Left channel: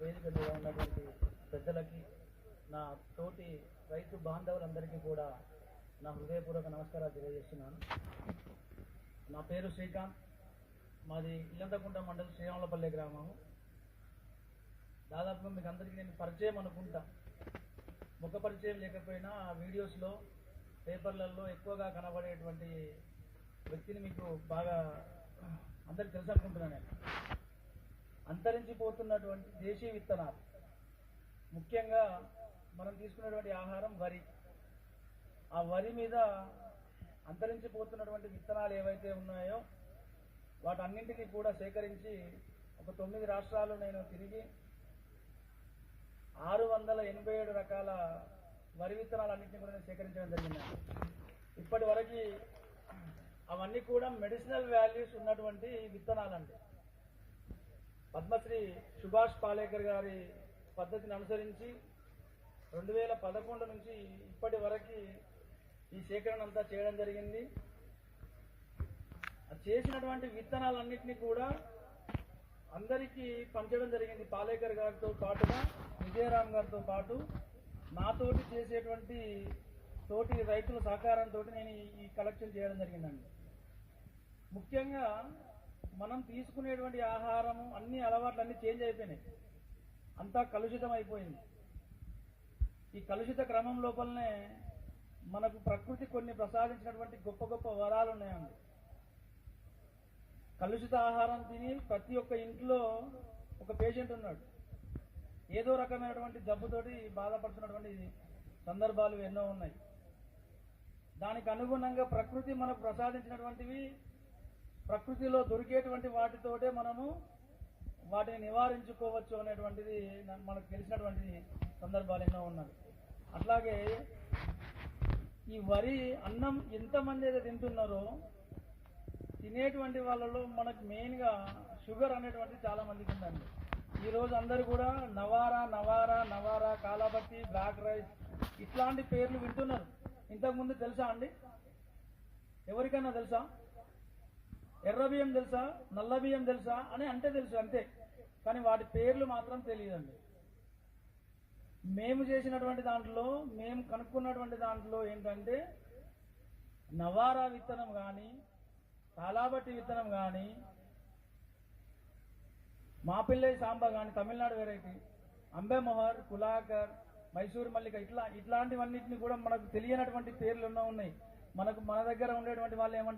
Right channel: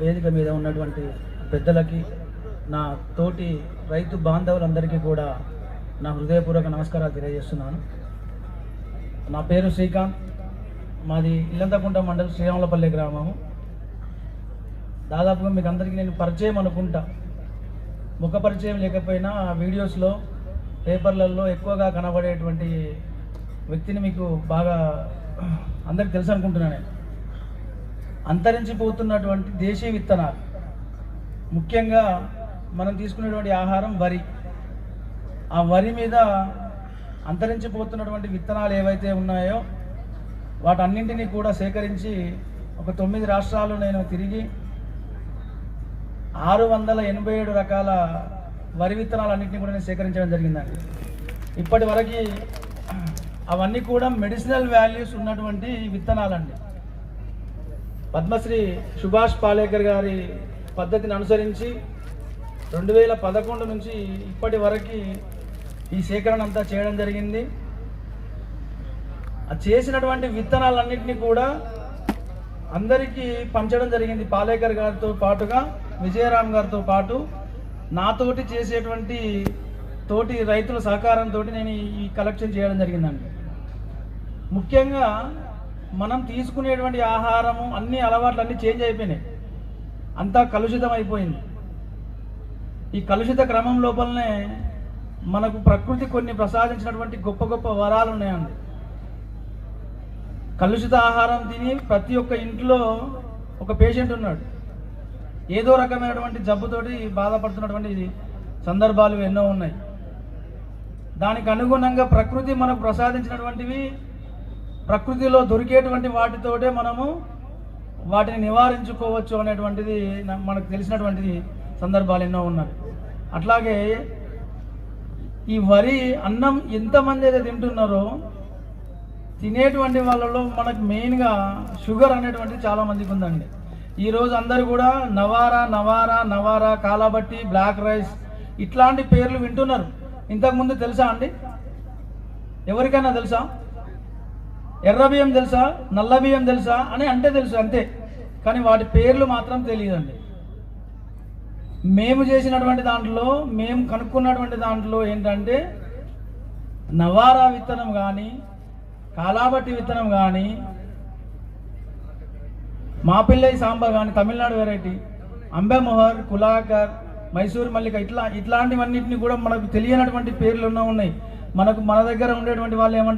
వేదిక మీద ఉన్నటువంటి పెద్దలకి, నా తోటి రైతు బాంధవులందరికీ కూడా నా హృదయపూర్వక నమస్కారాలు తెలియజేస్తున్నాను. నా పేరు శ్రీకాంత్, మాది ఇల్లంతకుంట మండలం శ్రీరాములపల్లి గ్రామము. దాదాపుగా మీకు అందరికీ నేను పరిచయం అనుకుంటా, ముఖ పరిచయం లేకపోయినా వీడియోస్లో పేపర్లలో ఎక్కువగా కనబడేటువంటి వ్యక్తిని మీకు బాగా అందరికి తెలుసు అనుకుంటున్నాను. అంతరించిపోతున్నటువంటి దేశీయ విత్తనాలు, ముఖ్యంగా మనం తీసుకునేటువంటి ఆహారం వరి, ఆ వరి మీద అంతరించిపోతున్నటువంటి విత్తనాలు ఏవైతే ఉన్నాయో వాటన్నింటినీ కూడా సేకరించి ఒక 9 రాష్ట్రాలు నేను తిరిగి 687 రకాల వరి విత్తనాలన్నింటినీ కూడా నేను సేకరించడం జరిగిందండి. ఇప్పటి వరకు అవన్నీ కూడా మెడిసినల్ వాల్యూస్ ఉన్నటువంటి విత్తనాలండి. పద్మశ్రీ సుభాష్ పాలేకర్ గారి పద్ధతిని అనుసరించి 2011 నుంచి ఇప్పటి వరకు ఈ సేకరణ అంతా చేయడం జరిగింది. ఆ చేసినటువంటి విత్తనాలన్నింటినీ కూడా అందరికీ పంచడం జరిగింది. పాలేకర్ గారితో పాటుగా విజయరామ్ గారితో పాటు నాతోటి చేసేటువంటి తోటి రైతుల సహకారంతో నేను ఈ కలెక్షన్ చేయడం జరిగిందండి. ముఖ్యంగా మనం తీసుకునేటువంటి ఆహారము అన్ని అలవాట్లు అన్నీ చేంజ్ అయిపోయినాయి, అంతా కలుషితం అయిపోయింది. ఈ కలుషిత క్రమం లోపలనే మనకు ప్రకృతి కొన్ని ప్రసాదించినటువంటి గొప్ప గొప్ప వరాలు ఉన్నాయండి. కలుషిత ఆహారం తిని ప్రతి ఒక్క ఇంట్లో ఒక పేషెంట్ ఉన్నాడు, ఏదో రకమైనటువంటి జబ్బుతోటి బాధపడుతున్నటువంటి సందర్భాలు ఎన్నో ఉన్నాయి. దానికి అనుగుణంగా ప్రకృతి మనకు ప్రసాదించినటువంటివి, ప్రకృతిలో దొరికేటువంటి వాటితోటే మనము వాటిని నివారించుకోవచ్చు అనేటువంటిది మనకు తెలిసినటువంటి సందర్భాలు ఎన్నో ఉన్నాయి. అట్లాగే ఈ వరి అన్నం ఎంతమంది అయితే తింటున్నారో తినేటువంటి వాళ్ళలో మనకు మెయిన్గా షుగర్ అనేటువంటిది చాలామందికి ఉందండి. ఈరోజు అందరూ కూడా నవారా నవారా నవారా, కాలాబట్టి, బ్లాక్ రైస్ ఇట్లాంటి పేర్లు వింటున్నారు. ఇంతకుముందు తెలుసా అండి? ఎవరికైనా తెలుసా? ఎర్ర బియ్యం తెలుసా, నల్ల బియ్యం తెలుసా అని అంటే తెలుసు అంతే, కానీ వాటి పేర్లు మాత్రం తెలియదండి. మేము చేసినటువంటి దాంట్లో, మేము కనుక్కున్నటువంటి దాంట్లో ఏంటంటే నవారా విత్తనం కానీ, కాలాబట్టి విత్తనం కానీ, మాపిల్లై సాంబా కానీ తమిళనాడు వెరైటీ, అంబెమొహర్, కులాకర్, మైసూర్ మల్లిక ఇట్లాంటివన్నింటినీ కూడా మనకు తెలియనటువంటి పేర్లు ఉన్నాయి. మన దగ్గర ఉండేటువంటి వాళ్ళు ఏమంటారు,